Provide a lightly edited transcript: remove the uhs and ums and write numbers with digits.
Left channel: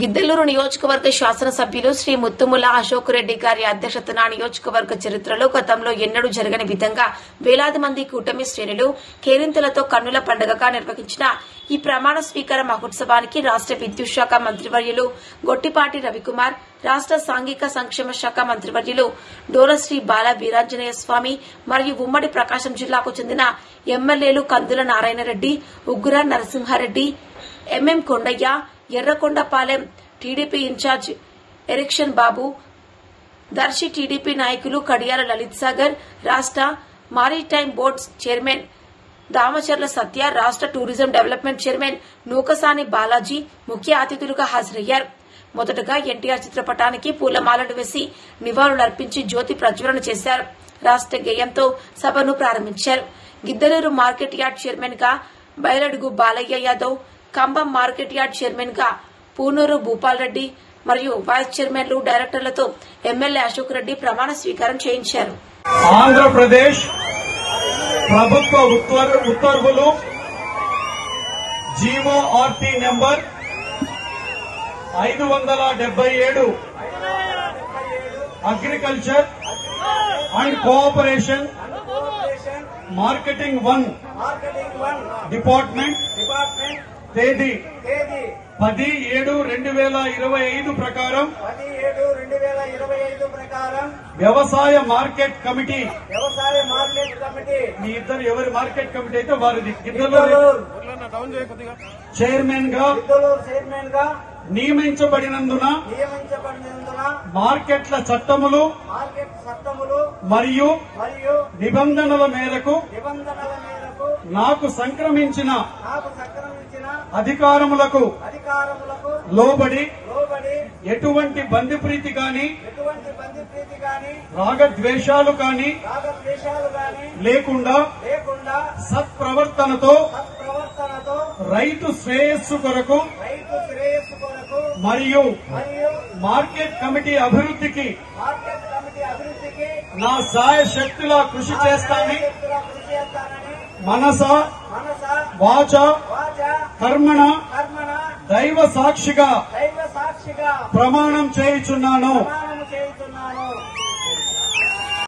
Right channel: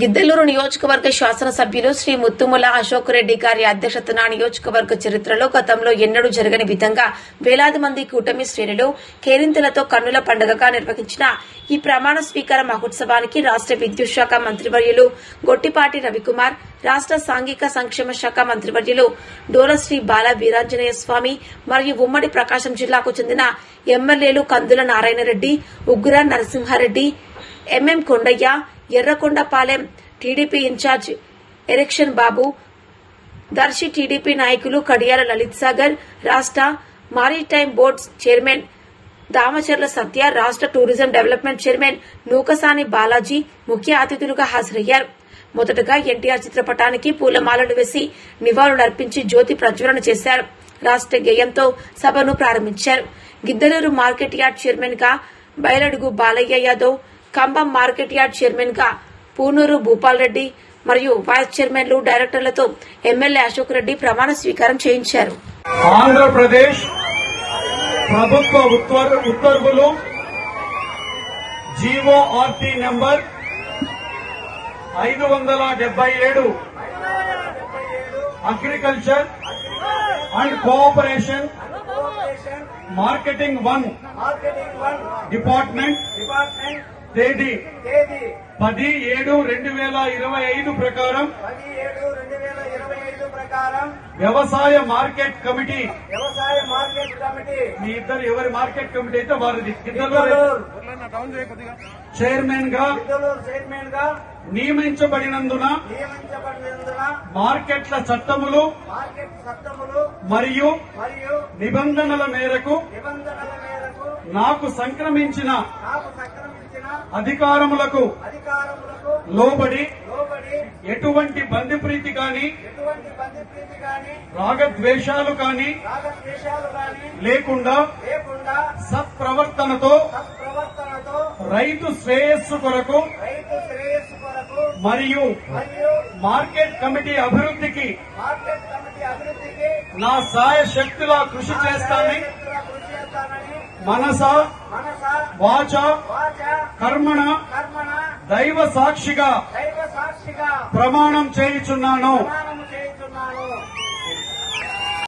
గిద్దలూరు నియోజకవర్గ శాసనసభ్యులు శ్రీ ముత్తుముల అశోక్ రెడ్డి గారి అధ్యక్షతన నియోజకవర్గ చరిత్రలో గతంలో ఎన్నడూ జరగని విధంగా వేలాది మంది కూటమి శ్రేణులు కేరింతలతో కన్నుల పండుగగా నిర్వహించిన ఈ ప్రమాణ స్వీకార మహోత్సవానికి రాష్ట్ర విద్యుత్ శాఖ మంత్రివర్యులు గొట్టిపాటి రవికుమార్, రాష్ట్ర సాంఘిక సంక్షేమ శాఖ మంత్రివర్యులు డోలశ్రీ బాల వీరాంజనేయ స్వామి మరియు ఉమ్మడి ప్రకాశం జిల్లాకు చెందిన ఎమ్మెల్యేలు Kandula Narayana Reddy, Ugra Narasimha Reddy, MM Kondaiah, Yerrakondapalem TDP in charge Erixion Babu, Darsi TDP నాయకులు కడియాల లలిత్ సాగర్, రాష్ట్ర maritime board chairman Damacharla Satya, రాష్ట్ర tourism development chairman Nukasani Balaji ముఖ్య అతిథులుగా హాజరయ్యారు. మొదటగా ఎన్టీఆర్ చిత్రపటానికి పూలమాలలు వేసి నివాళులర్పించి జ్యోతి ప్రజ్వలన చేశారు. రాష్ట్ర గేయంతో సభను ప్రారంభించారు. గిద్దలూరు మార్కెట్ యార్డ్ చైర్మన్ గా బయలడుగు బాలయ్య యాదవ్, కంబం మార్కెట్ యార్డ్ చైర్మన్ గా పూనూరు భూపాల్ రెడ్డి మరియు వైస్ చైర్మన్లు, డైరెక్టర్లతో ఎమ్మెల్యే అశోక్ రెడ్డి ప్రమాణ స్వీకారం చేయించారు. ఆంధ్రప్రదేశ్ ప్రభుత్వ ఉత్తర్వులు GORT number 577 agriculture and cooperation marketing 1 department తేదీ 10/7/2025 ప్రకారం వ్యవసాయ మార్కెట్ కమిటీ మీ ఇద్దరు ఎవరి మార్కెట్ కమిటీ అయితే వారిది చైర్మన్ గా నియమించబడినందున మార్కెట్ల చట్టములు మరియు నిబంధనల మేరకు నాకు సంక్రమించిన అధికారములకు లోబడి ఎటువంటి బంధుప్రీతి కాని రాగద్వేషాలు కాని లేకుండా సత్ప్రవర్తనతో రైతు శ్రేయస్సు కొరకు మరియు మార్కెట్ కమిటీ అభివృద్ధికి నా సాయశక్తులా కృషి చేస్తానని మనస వాచ కర్మణ దైవ సాక్షిగా ప్రమాణం చేయుచున్నాను.